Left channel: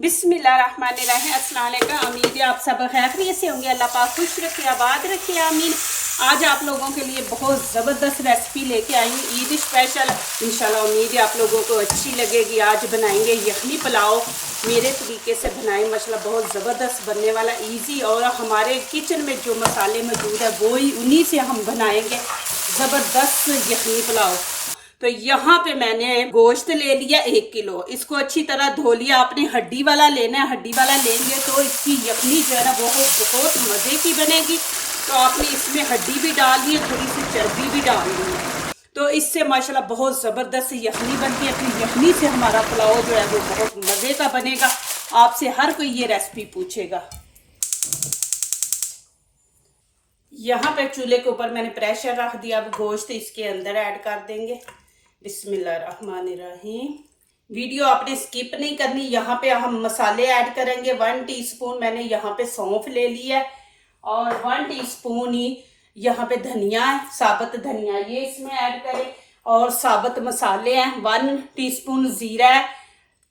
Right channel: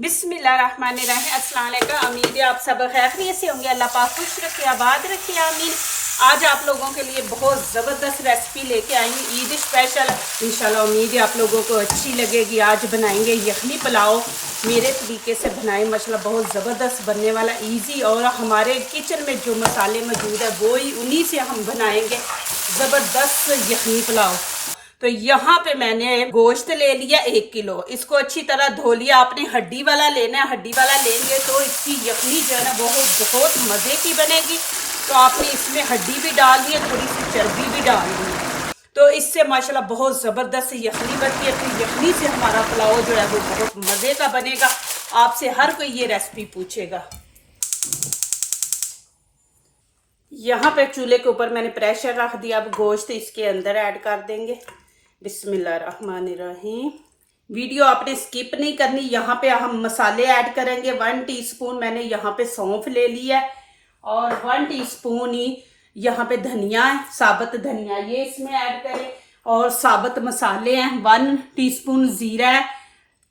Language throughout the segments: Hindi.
बिस्मिल्लाहिर्रहमानिर्रहीम। अस्सलाम वालेकुम। उम्मीद है आप सब खैरियत से होंगे। अल्लाह पाक खुश रखे, आबाद रखे, आमीन। आज आप लोगों के लिए बहुत ज़बरदस्त रेसिपी लेके आई हूँ, ईद स्पेशल। इंशाल्लाह उम्मीद है आप लोगों को अच्छी लगेगी। आज बनाएंगे यखनी पुलाव। मेरे तरीके से बनाएं, माशाल्लाह बहुत ज़बरदस्त बनने वाला, इजी। और हमारे किचन में जो मसाले मौजूद है वो ही उन्हीं से हम बनाएंगे ज़बरदस्त यखनी पुलाव। तो यहाँ पे मैंने गोश्त ले लिया 1 किलो। इसको अच्छी तरह धो लिया। आपने हड्डी वाला लेना है, हड्डी वाला लेंगे तो इसकी यखनी जो है ना बहुत मज़े की बनेगी। तो आपने इसमें हड्डी भी डाल दी है, थोड़ी सी चर्बी भी डाल दी है, तो इससे माशाल्लाह बहुत ज़बरदस्त यखनी बनती है। फिर यखनी से हमारा पुलाव जो है वो बहुत मज़े का बनेगा। आपसे हर कोई ये रेसिपी पूछेगा। यहाँ पे चूल्हे के ऊपर मैंने प्रेशर रख दिया। अब गोश्त इसके अंदर ऐड कर देंगे। बिस्मिल्लाहिर्रहमानिर्रहीम। वीडियो आपने स्किप नहीं करनी। यहाँ पे हम मसाले ऐड करेंगे। 1 टीस्पून मैंने यहाँ पे सौंफ ले लिया है और 1 टीस्पून ही यहाँ पे धनिया है, साबुत धनिया, ये इसमें ऐड करें। और साबुत मसाले हैं, 1 टीस्पून ज़ीरा है,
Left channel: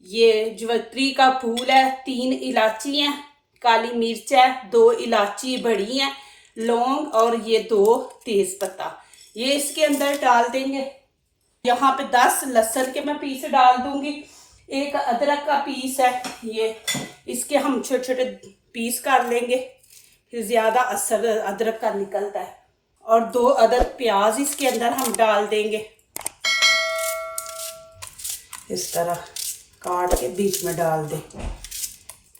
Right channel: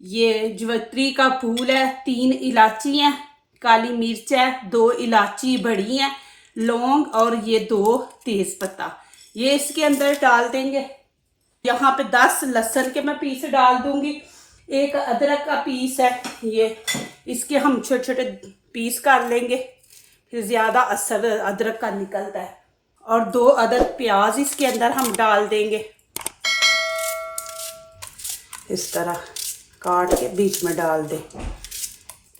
ये जवित्री का फूल है, 3 इलायची हैं, काली मिर्च है, 2 इलायची बड़ी हैं, लौंग और ये 2 तेज पत्ता, ये इसके अंदर डाल देंगे। यहाँ पे 10 लहसुन के मैं पीस डाल दूंगी। 1 अदरक का पीस है, ये इसके हम छोटे छोटे पीस कर लेंगे, फिर ज़्यादा असर अदरक का निकलता है। और 2 अदद प्याज इसके अंदर हम डाल देंगे, इस तरह काट के बीच में डाल दें।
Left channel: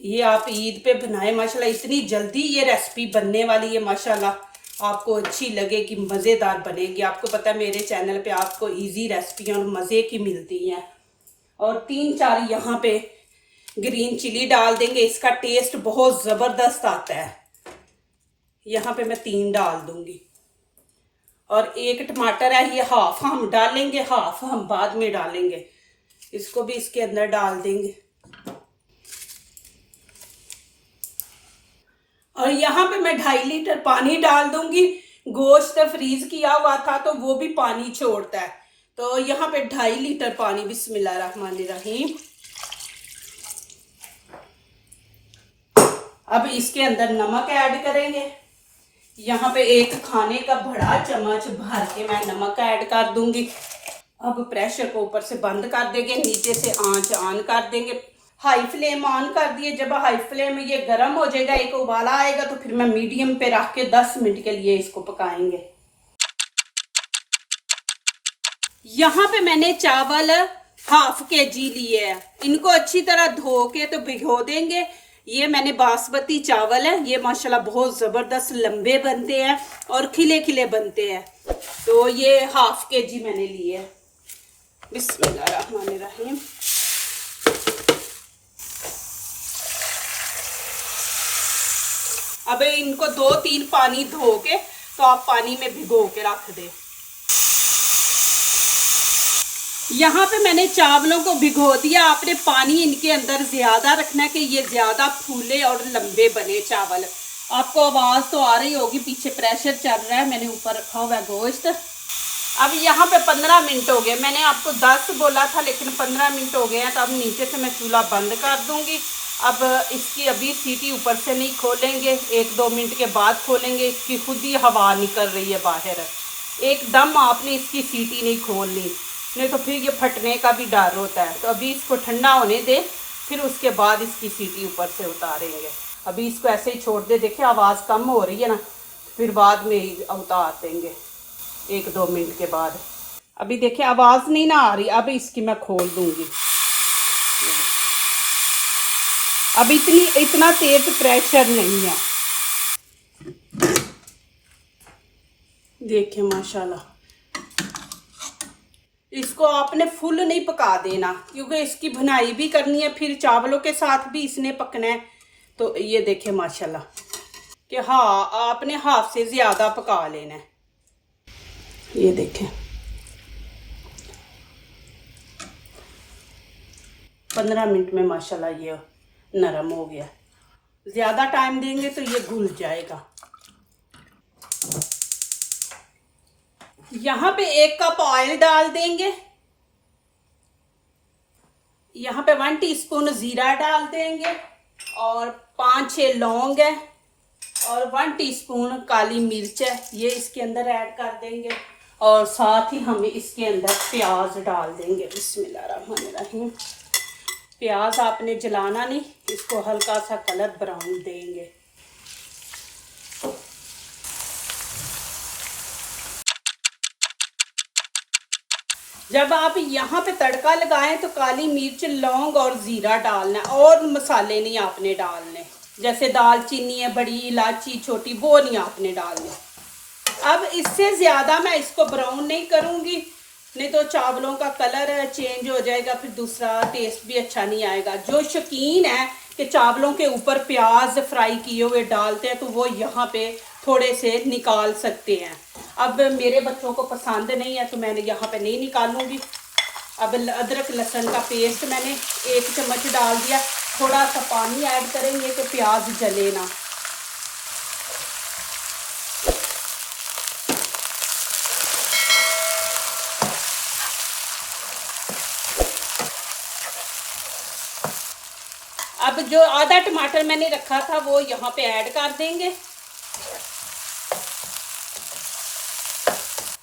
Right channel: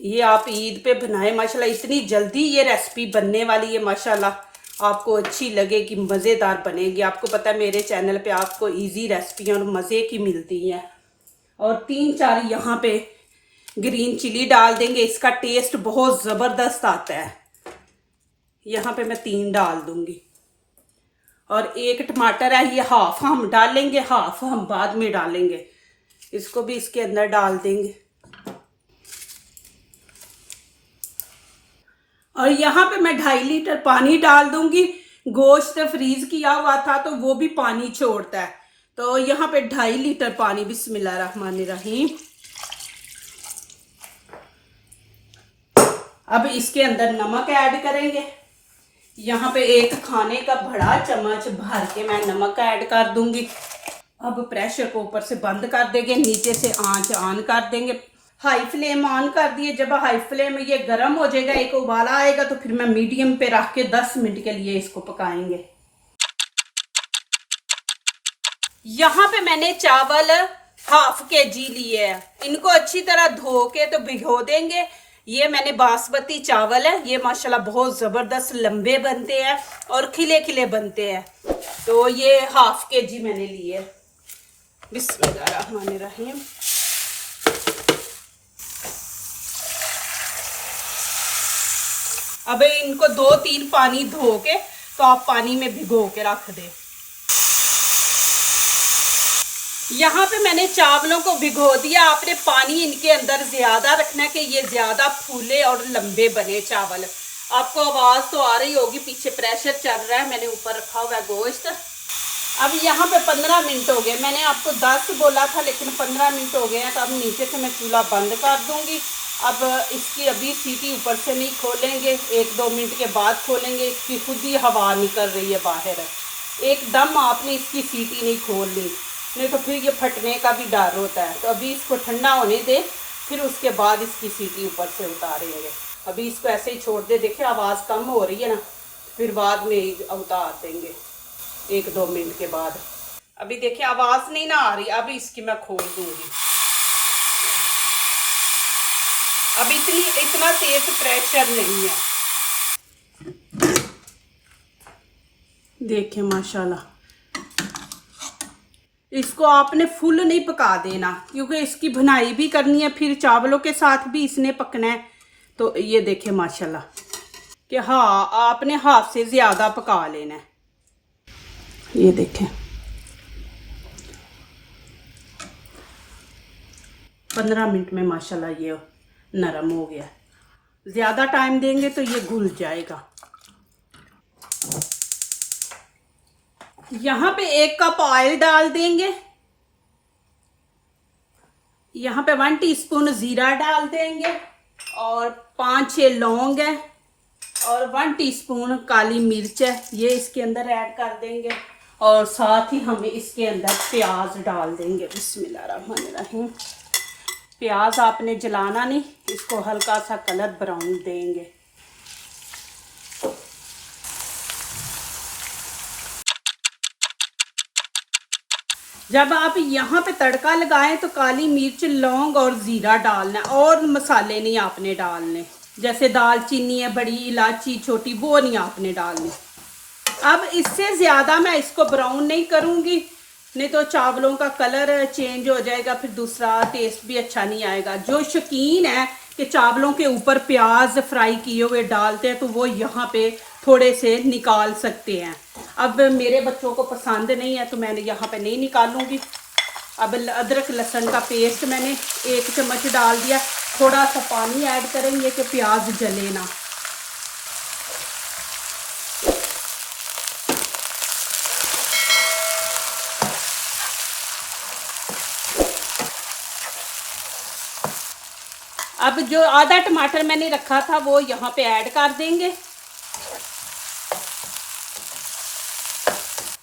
ये आप ईद पे बनाए, माशाल्लाह इतनी जल्दी ये रेसिपी बनने वाली है, माशाल्लाह आपको अच्छी लगेगी, मज़ेदार बनेगी। आपको पता है मेरे चैनल पे आपको इजी रेसिपियाँ और मज़े की मिलती हैं। और 3-4 यहाँ पे ग्रीन चिली डाल देंगे, इसका टेस्ट बहुत ज़बरदस्त आता है। यहाँ पे मैं 3 डाल दूंगी। और 1 टमाटर है, ये हाफ हम डालेंगे, हाफ हम बाद में डालेंगे। इसको भी इसके अंदर डाल देंगे। और यहाँ पे मैं 2.5 लीटर पानी डाल दूंगी। गोश्त फ्रीज किया हुआ था तो वो भी पानी छोड़ता है, तो यहाँ पे 2.5 लीटर पानी। बिस्मिल्लाहिर्रहमानिर्रहीम। अब इसके अंदर नमक ऐड करेंगे। यहाँ पे 1 खाने का बड़ा चम्मच भर के मैं नमक ऐड कर दूंगी। अब प्रेशर को ऊपर से बंद कर देंगे, नीचे से आंच ऑन कर देंगे। हाई फ्लेम ऑन कर दिए। जब हाई फ्लेम में ये गर्म हो जाएगा, एक उबाला आएगा, तो फिर मैं मीडियम पे रख के 10 मिनट के लिए इसको पकाएंगे। यहाँ पे मैंने चावल 1/2 kg लिए हैं। इनको अच्छी तरह धो के तो भिगो देंगे। ये मैंने बासमती चावल है, ये माशाल्लाह बहुत ज़बरदस्त लंबे बनते हैं और खिले खिले बनते हैं। तो ये 1/2 kg मैंने लिए। बिस्मिल्लाहिर्रहमानिर्रहीम। अब इनको 2-3 पानी धो के तो आप पानी में भिगो के रख दें। यहाँ पे मैंने चावलों को भिगो दिया। आपने पानी इनके अंदर ज़्यादा रखना है कि ये ज़्यादा फूले और लंबे बने चावल। आपको आवाज़ तो आ रही होगी, पीछे प्रेशर चल रहा है, मैंने ऊपर रखा हुआ है गोश्त। अब यहाँ पे 15 मिनट हो गए। मैंने आपको 10 बोला था लेकिन 15 मिनट हो गए हैं। तो अब नीचे से मैं चूल्हा बंद कर दूँगी। अब इसकी अभी सीटी ऊपर से नहीं खोलेंगे, 1-2 मिनट के बाद खोलेंगे। इसकी खुद ही हवा निकल रही है बाहर। एकदम आपने इसकी सीटी नहीं खोलनी, नहीं तो फिर ये फटने का भी डर होता है। तो अभी इसको ठंडा होने दे, फिर उसके बाद इसकी सीटी ऊपर से उतारेंगे। अभी इसको ऐसे ही छोड़ दे। देखिए आवाज़ कम हो रही है ना, फिर बाद में उतार देंगे 1-2 मिनट के बाद। अभी देखिए आवाज़ नहीं ना आ रही। अब इसकी मैं खोल दूंगी। अब इतना तेज प्रेशर नहीं है। देखिए माशाल्लाह, इसको आपने फुल नहीं पका देना क्योंकि इसकी भुनाई भी करनी है, फिर चावलों के साथ भी इसने पकना है। तो ये देखिए माशाल्लाह कि हाँ, आपने हाफ से ज़्यादा पका लेना है। ये देखें 15 मिनट में माशाल्लाह ये नरम हो गया। ज़्यादा टाइम देंगे तो ये घुल जाएगा। यहाँ पे 1 कप ऑयल डाल देंगे। यहाँ पे 1 टीस्पून जीरा डाल देंगे और 5-6 लौंग है और 1 टीस्पून काली मिर्च है, ये इसके अंदर ऐड कर देंगे। और साथ ही हम इसके अंदर प्याज डाल देंगे। बिस्मिल्लाहिर्रहमानिर्रहीम। प्याज आपने जलाना नहीं, इसको हल्का सा कलर ब्राउन देंगे। जब आप यहाँ पे तड़का लगाएं तो काली मिर्च, लौंग और जीरा डालना है और मसाले नहीं आपने डालने, जैसे दालचीनी है, बड़ी इलायची छोटी, वो नहीं आपने डालनी। अब इससे ज़्यादा मैं इसको ब्राउन नहीं करूँगी, नहीं तो चावलों का कलर चेंज हो जाएगा, फिर दूसरा टेस्ट भी अच्छा नहीं आएगा। जो शौकीन है कि चावलों के ऊपर प्याज फ्राई किए हुए डालते हैं तो वो यहाँ पे थोड़े से निकाल सकते हैं। अब मेरे बच्चों को पसंद नहीं है तो मैंने यहाँ पे नहीं निकालूंगी। अब अदरक लहसुन का पेस्ट मैंने 1 चम्मच डाल दिया। थोड़ा सा पानी ऐड करेंगे तो प्याज जले ना। अब जो आधा टमाटर मैंने रखा था वो यहाँ पे ऐड कर देंगे।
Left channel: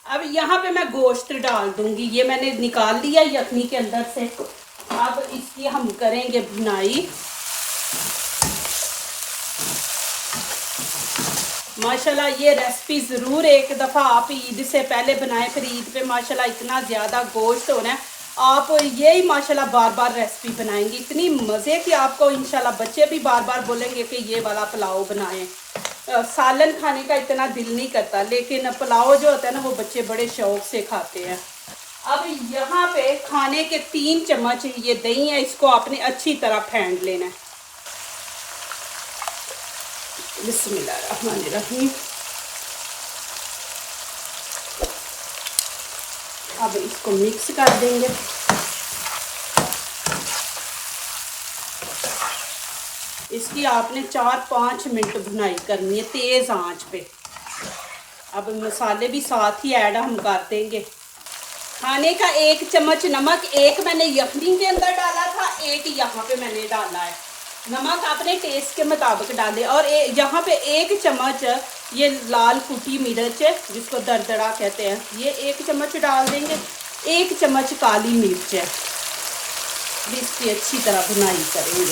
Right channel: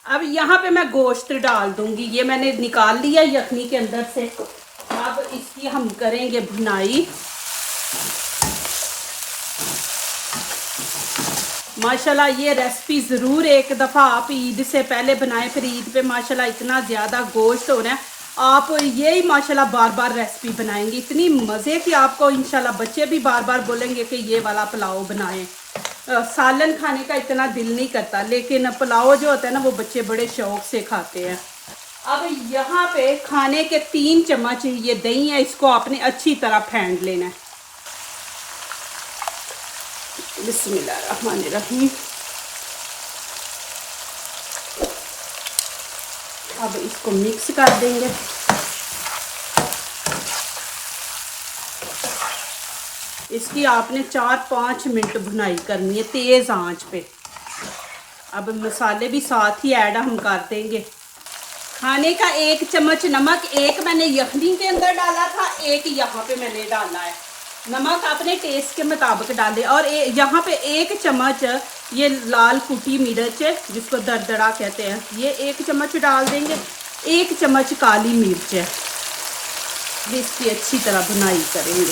अब यहाँ पे मैं गोश्त डाल दूंगी, ये मैंने निकाल लिया यखनी के अंदर से। अब इसकी हम करेंगे भुनाई। माशाल्लाह ये रेसिपी ज़रूर एक दफ़ा आप ईद से पहले बनाएं, फिर ईद पे माशाल्लाह इतना ज़्यादा गोश्त हो रहा है, आप यही माशाल्लाह बार बार रेसिपी बनाएंगे, इतनी मज़े की आपको इंशाल्लाह बच्चे भी बार बार बोलेंगे कि ये वाला पुलाव बनाएं। सालन खाने का इतना दिल नहीं करता, लेकिन पुलाव जो होता है ना वो बच्चे बड़े शौक से खाते हैं। अब यहाँ पे खाने के 3 चम्मच ये दही है, इसको आपने अच्छी तरह फेंट लेना है। बिस्मिल्लाहिर्रहमानिर्रहीम। अब इसको मिक्स कर देंगे। इसकी आपने 4-5 मिनट भुनाई करनी है तेज आंच पे। अब मसाले भी साथ ही ऐड हम कर देंगे। खाने का 1 चम्मच नमक, 1 मैंने यखनी के अंदर डाला था, 1 यहाँ पे मैंने डाला है। नमक अपने टेस्ट के मुताबिक डालें। और यहाँ पे 1 चम्मच ये लाल कुटी मिर्च है जिसको दरदरा कहते हैं, ये 1 चम्मच डाल देंगे। 1 चम्मच काली मिर्च है, इसकी अच्छी तरह भुनाई करेंगे।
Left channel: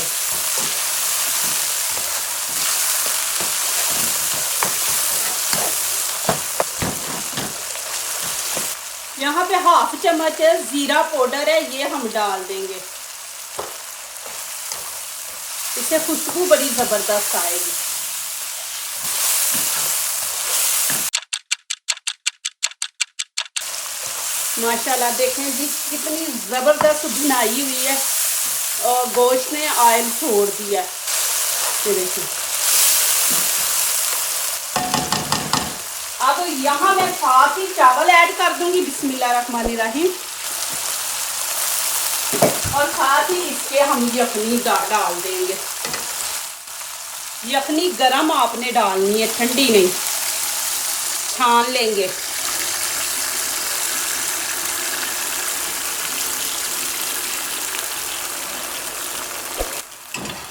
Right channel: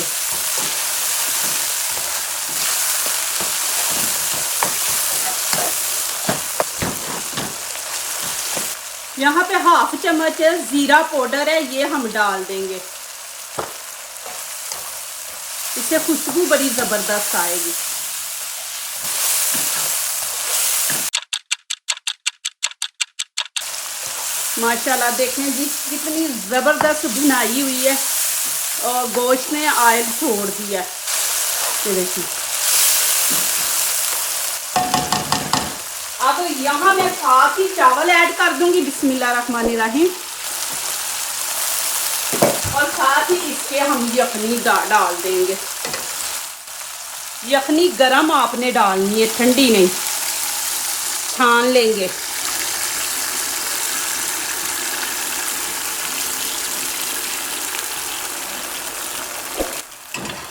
यहाँ पे 1/2 चम्मच जीरा पाउडर है, ये हम डाल देंगे। इससे खुशबू बड़ी जबरदस्त आएगी। माशाल्लाह देखें जी कितनी जबरदस्त भुनाई हुई है और गोश्त ने ऑयल छोड़ दिया। ये देखिए। अब यहाँ मैं साथ ही चावल ऐड कर दूंगी। बिस्मिल्लाहिर्रहमानिर्रहीम। और साथ ही इसके हम यखनी डाल देंगे। यखनी गरम आपने डालनी है, ठंडी नहीं, छान लेंगे।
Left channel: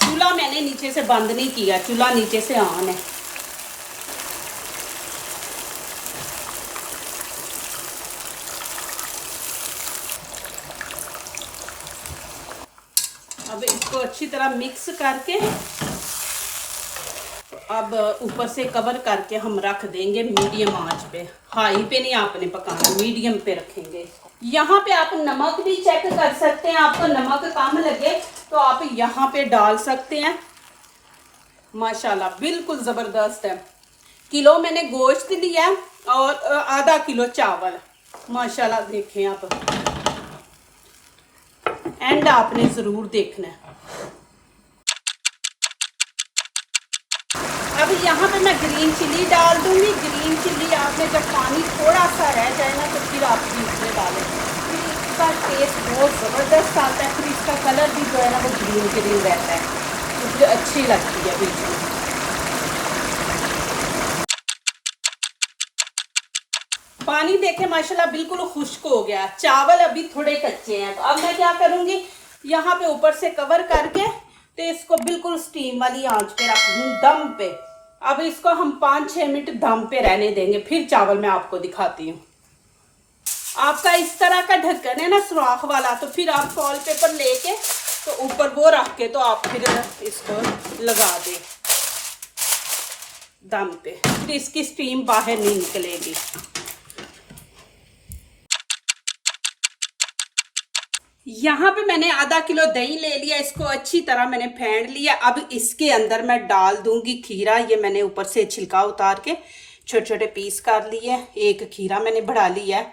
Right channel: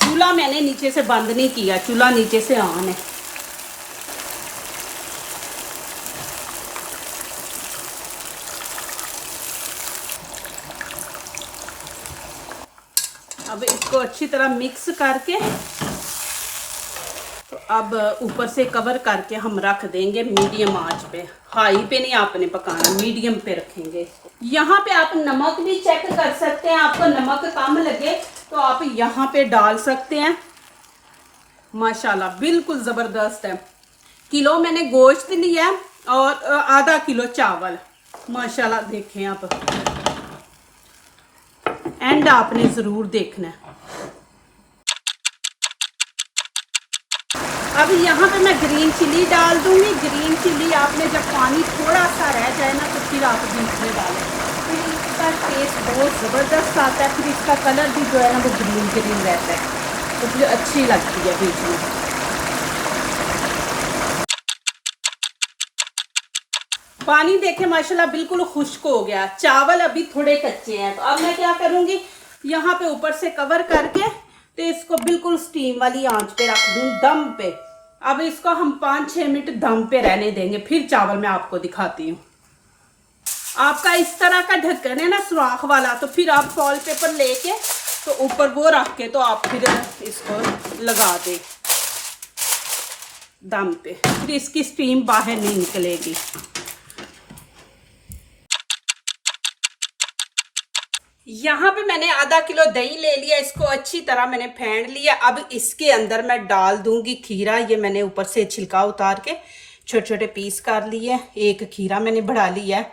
चूल्हा मैंने नीचे से बंद नहीं किया, चूल्हा नीचे से ऑन है। अब इसको अच्छी तरह मिक्स करके अब ऊपर से कवर करके हम रख देंगे मीडियम आंच पे। हाई पे नहीं आपने पकाना, मीडियम पे रखेंगे। यहाँ पे आप नमक भी चेक कर सकते हैं, आपको नमक कम लगे तो आप यहाँ पे डाल सकते हैं। माशाल्लाह बिल्कुल ज़बरदस्त है। किलो मैंने गोश्त लिया और आधा किलो चावल। माशाल्लाह देखें आप, एंड आपने ज़रूर देखना है। अब यहाँ पे मैं ग्रीन चिली डाल दूंगी। ग्रीन चिली आपने जब पानी थोड़ा सा रह जाए ना तो फिर आप बीच में डालें, फिर इसका टेस्ट बहुत ज़बरदस्त आता है। फिर इसका कलर भी जो है ना वो ग्रीन ग्रीन रहता है, तो मुझे अच्छी लगती है बीच में। पानी देखे माशाल्लाह बिल्कुल खुश्क हो गया। चावल अभी थोड़े कच्चे हैं, तो अब मैं क्या करूँगी, यहाँ पे ऊपर से कवर करके तो इसको बिल्कुल स्टीम वाली आंच पे रख दूँ, दम पे। अब इसको हम 5-6 मिनट दम पे रहने देंगे, फिर चावल मैं आपको दिखाती हूँ। आपका इस तरह का ढक्कन है ना सुराख वाला, तो फिर आप फॉल पेपर लेके तो ऊपर वो रख के तो आप फिर इसको लगा दे दम पे, फिर इसकी स्टीम बाहर नहीं निकलेगी। यहाँ पे मैंने आधा किलो दही ले लिया, इसको अच्छी तरह मैंने फेंट लिया। अब इसके अंदर मैं डाल दूंगी खीरा। ये मैंने ऊपर से छिलका उतार के छोटे छोटे पीस कर लिए। एक खीरा मैंने बढ़ा लिया है,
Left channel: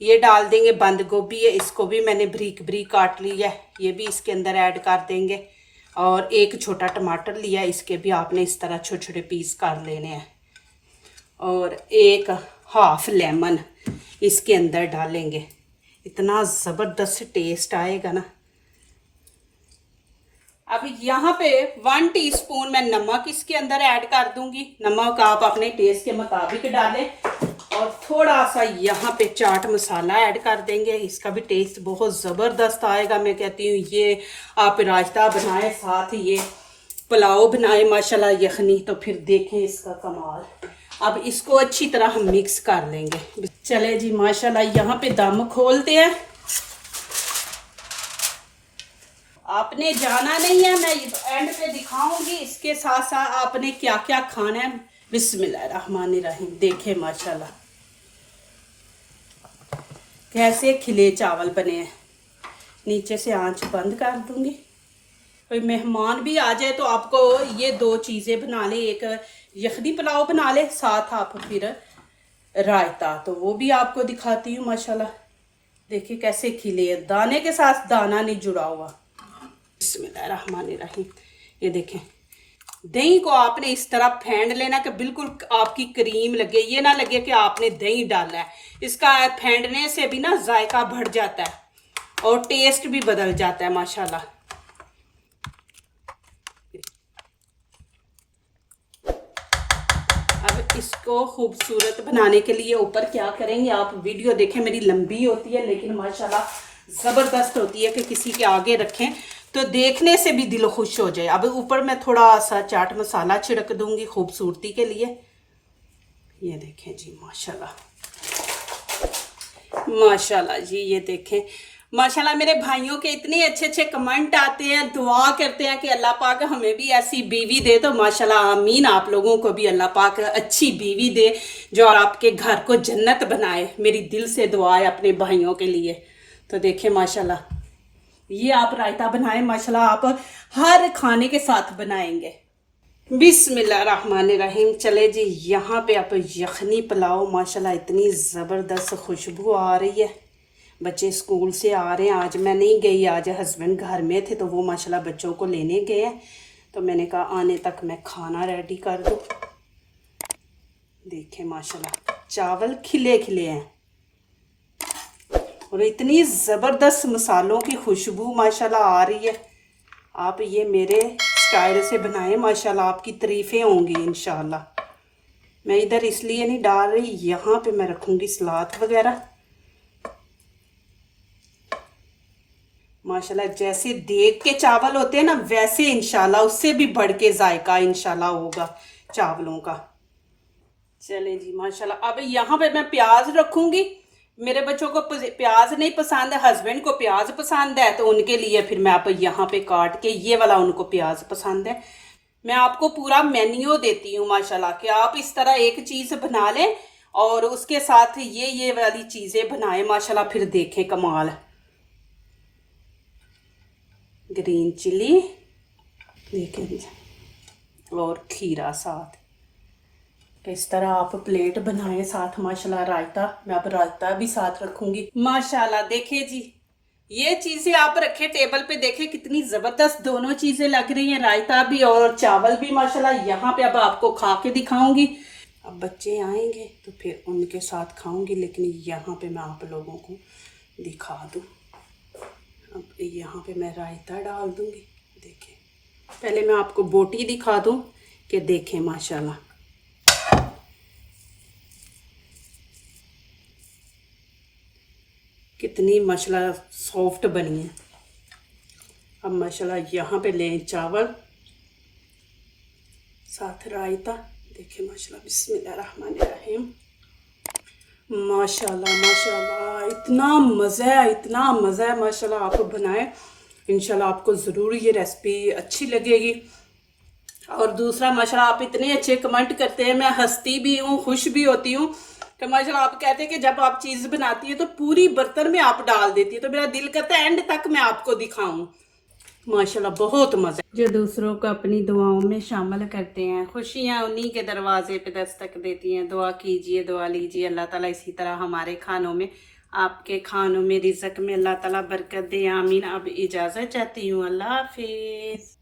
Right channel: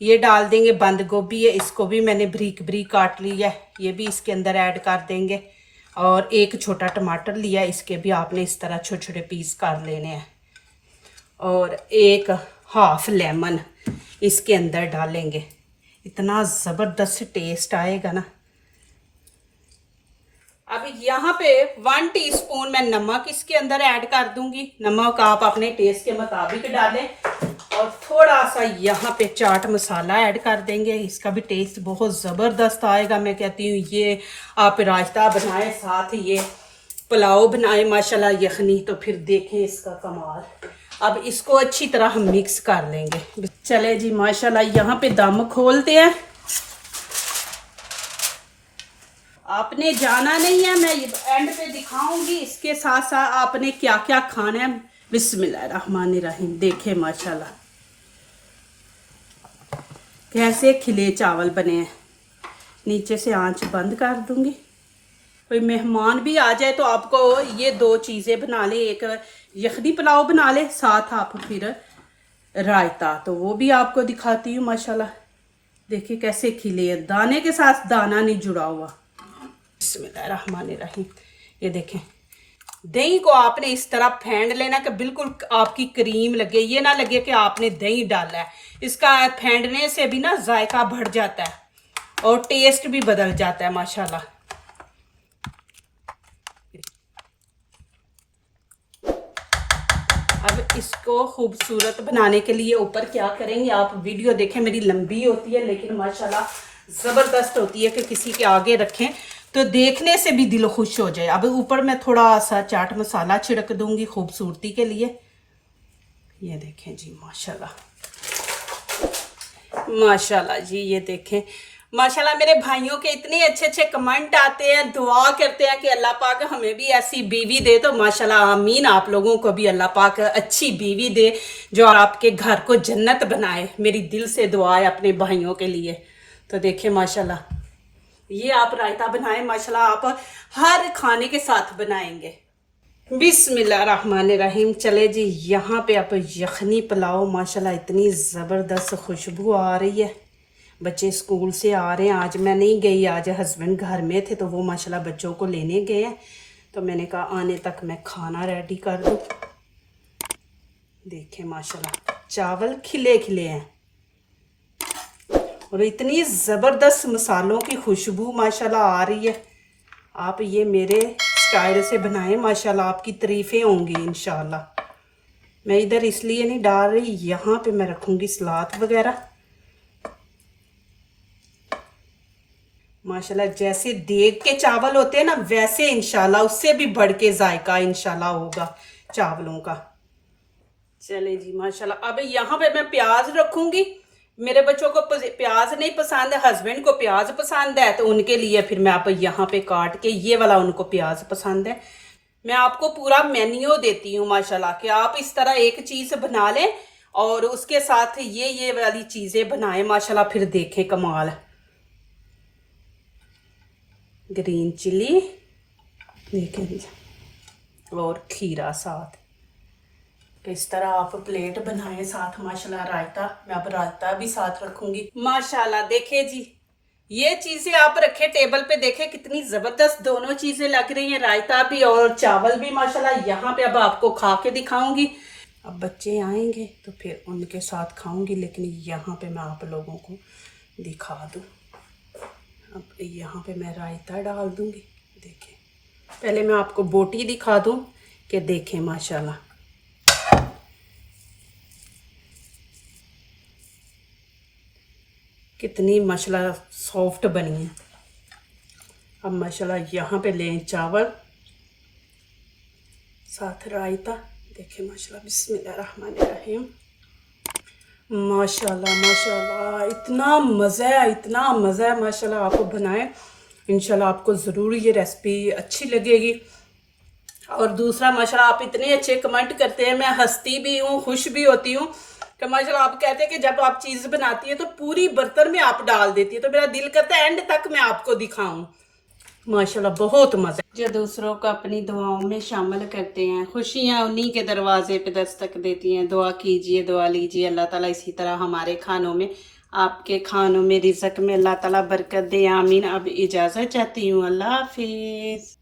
ये डाल देंगे। बंद गोभी है, इसको भी मैंने बारीक बारीक काट लिया है, ये भी इसके अंदर ऐड कर देंगे। और एक छोटा टमाटर लिया, इसके भी आपने इस तरह छोटे छोटे पीस कर लेने हैं। और एक हाफ लेमन इसके अंदर डालेंगे, इतना ज़बरदस्त टेस्ट आएगा ना। अब यहाँ पे 1 टीस्पून मैं नमक इसके अंदर ऐड कर दूंगी। नमक आप अपने टेस्ट के मुताबिक डालें। और थोड़ा सा यहाँ पे चाट मसाला ऐड कर देंगे, इसका भी टेस्ट बहुत ज़बरदस्त आएगा। मैं कहती हूँ ये आप रायता बनाए साथ ये पुलाव बनाए माशाल्लाह यखनी, तो फिर देखें इसका कमाल। अब इसको अच्छी तरह हम मिक्स कर लेंगे। चले जी माशाल्लाह, यहाँ पे दम खोलते हैं। आपने जाना नहीं है, मैं एंड पे दिखाऊंगी इसके साथ साथ आपने क्या क्या खाना है। बिस्मिल्लाहिर्रहमानिर्रहीम। देखें माशाल्लाह कैसे खिले चावल बने हैं। नीचे से आंच बंद कर दूंगी। कोई मेहमान भी आ जाए तो आपको ये 2 चीज़ें बना ले, एक यखनी पुलाव बना ले, साथ आप फिर रायता, तो वो भी आपको दिखाती हूँ। माशाल्लाह देखिए कैसे खिले हैं, दाने के साथ दाना नहीं जुड़ा हुआ। बिस्मिल्लाहिर्रहमानिर्रहीम। ये देखें, दही को आपने इस तरह फेंट लेना कि बिल्कुल आपकी क्रीम लगे, ये ना लगे कि आपने दही डाला है। इसका फेंटने से भी ना जायका बढ़ जाता है और टेस्ट भी बदल जाता है माशाल्लाह। अब इसको खूबसूरत बनाने के लिए ऊपर क्या करेंगे आप वीडियो देखें। मेरी लंबी होती है लेकिन माशाल्लाह ज़बरदस्त होती है कि किसी के आगे रखें तो देखने से भी दिल खुश हो जाए। अब ऊपर मैं थोड़ा सा चाट मसाला छिड़क दूंगी खूबसूरती के लिए। ये देखें जी माशाल्लाह माशाल्लाह जी, ये देखें माशाल्लाह। मेरे भाइयों के इतने अच्छे अच्छे कमेंट आते हैं, दुआ करते हैं कि अल्लाह पाक हमें भी ऐसी बीवी दे। तो माशाल्लाह आमीन। आप लोगों को भी अल्लाह पाक अच्छी बीवी दे जो आपके घर को जन्नत बनाए। मेरी दिल से दुआ है अपने भाइयों के लिए। तो देखें माशाल्लाह, ये आप रायता बनाएं माशाल्लाह, आप हर खाने के साथ बनाएंगे। बिस्मिल्लाहिर्रहमानिर्रहीम। चले जी, यहाँ पे आप यखनी पुलाव माशाल्लाह इतनी ज़बरदस्त खुशबू आ रही है। बच्चे स्कूल से आ रहे हैं, आज मैं नहीं गई, आज हस्बैंड घर में थे तो वो माशाल्लाह बच्चों को लेने गए हैं। तो मैंने कहा आने तक मैं खाना रेडी कर दूँ। देखें माशाल्लाह चावल खिले खिले हैं और इतनी ज़बरदस्त मसालों की खुशबू माशाल्लाह आ रही है। आप ये मेरे स्टाइल से बनाएं माशाल्लाह, आपकी तारीफ़ें होंगी इंशाल्लाह। मैं इधर इसलिए नहीं डाल रही, यहाँ पे मैं रखूँगी सलाद वगैरह। माशाल्लाह जैसे देग के चावल होते हैं ना, वैसे इंशाल्लाह उससे भी बढ़ के जायका इंशाल्लाह होगा चावलों का। चले जी माशाल्लाह। अब यहाँ पे मैं प्याज रखूँगी। मेरे बच्चों को प्याज नहीं पसंद है, हस्बैंड को प्याज पसंद है, तो उनके लिए फिर मैं आप यहाँ पे काट के ये वाला, उनको प्याज पसंद है। मैं आपको पूरा मेन्यू देती हूँ माशाल्लाह कि आप इस तरह एक चीज़ बना लें और उसके साथ ये वाली चीज़ें बनाएं माशाल्लाह, फिर देखें कमाल। ग्रीन चिली देखें और खीरा साथ, इस तरह आप प्लेट बनाएं साथ माशाल्लाह। रायता, मैं अब रायता भी साथ रखूंगी माशाल्लाह। देखिए जी, ये चीज़ें आप रखे टेबल पे, देखें कितनी ज़बरदस्त दोनों चीज़ें लग रही हैं, रायता भी और चावल भी माशाल्लाह। यहाँ पे अब आपको खा के दिखाऊंगी। अब बच्चे आएंगे तो फिर उनके साथ खाऊंगी, लेकिन यहाँ पे मैं आप लोगों को दिखा दूँ। अब यहाँ पे मैं रायता डाल दूँगी। देखें, पहले मैं आपको बोटी दिखा दूँ कि देखें माशाल्लाह कितनी माशाल्लाह सॉफ्ट बनी है। अब माशाल्लाह यहाँ पे लें चावल, साथ रायता। देखिए माशाल्लाह, बिस्मिल्लाहिर्रहमानिर्रहीम। माशाल्लाह माशाल्लाह, इतना मज़ा है, इतना मज़ा है माशाल्लाह। आप बनाएं, इंशाल्लाह आपको ज़रूर ये रेसिपी अच्छी लगेगी। और दूसरा माशाल्लाह, आप इतने अच्छे कमेंट करते हैं, मैं हंसती भी हूँ, खुश भी होती हूँ कि माशाल्लाह आप कहते हैं कि जब आप चीज़ बनाती है तो पूरी बर्तन में आप डाल देती है, तो मेरा दिल करता है एंड तक मैं आपको दिखाऊं। माशाल्लाह बहुत मज़ा। जो दूसरों को अपनी दुआओं में शामिल करते हैं, खुशियाँ उन्हीं के दरवाजे पे दस्तक देती हैं। दुआ कीजिए, दुआ लीजिए, अल्लाह ताला इसी तरह हमारे खानों में, आपके खानों में, रिज़्क में अल्लाह ताला बरकत दे, आमीन। अब इजाज़त चाहती हूँ, अल्लाह हाफिज़।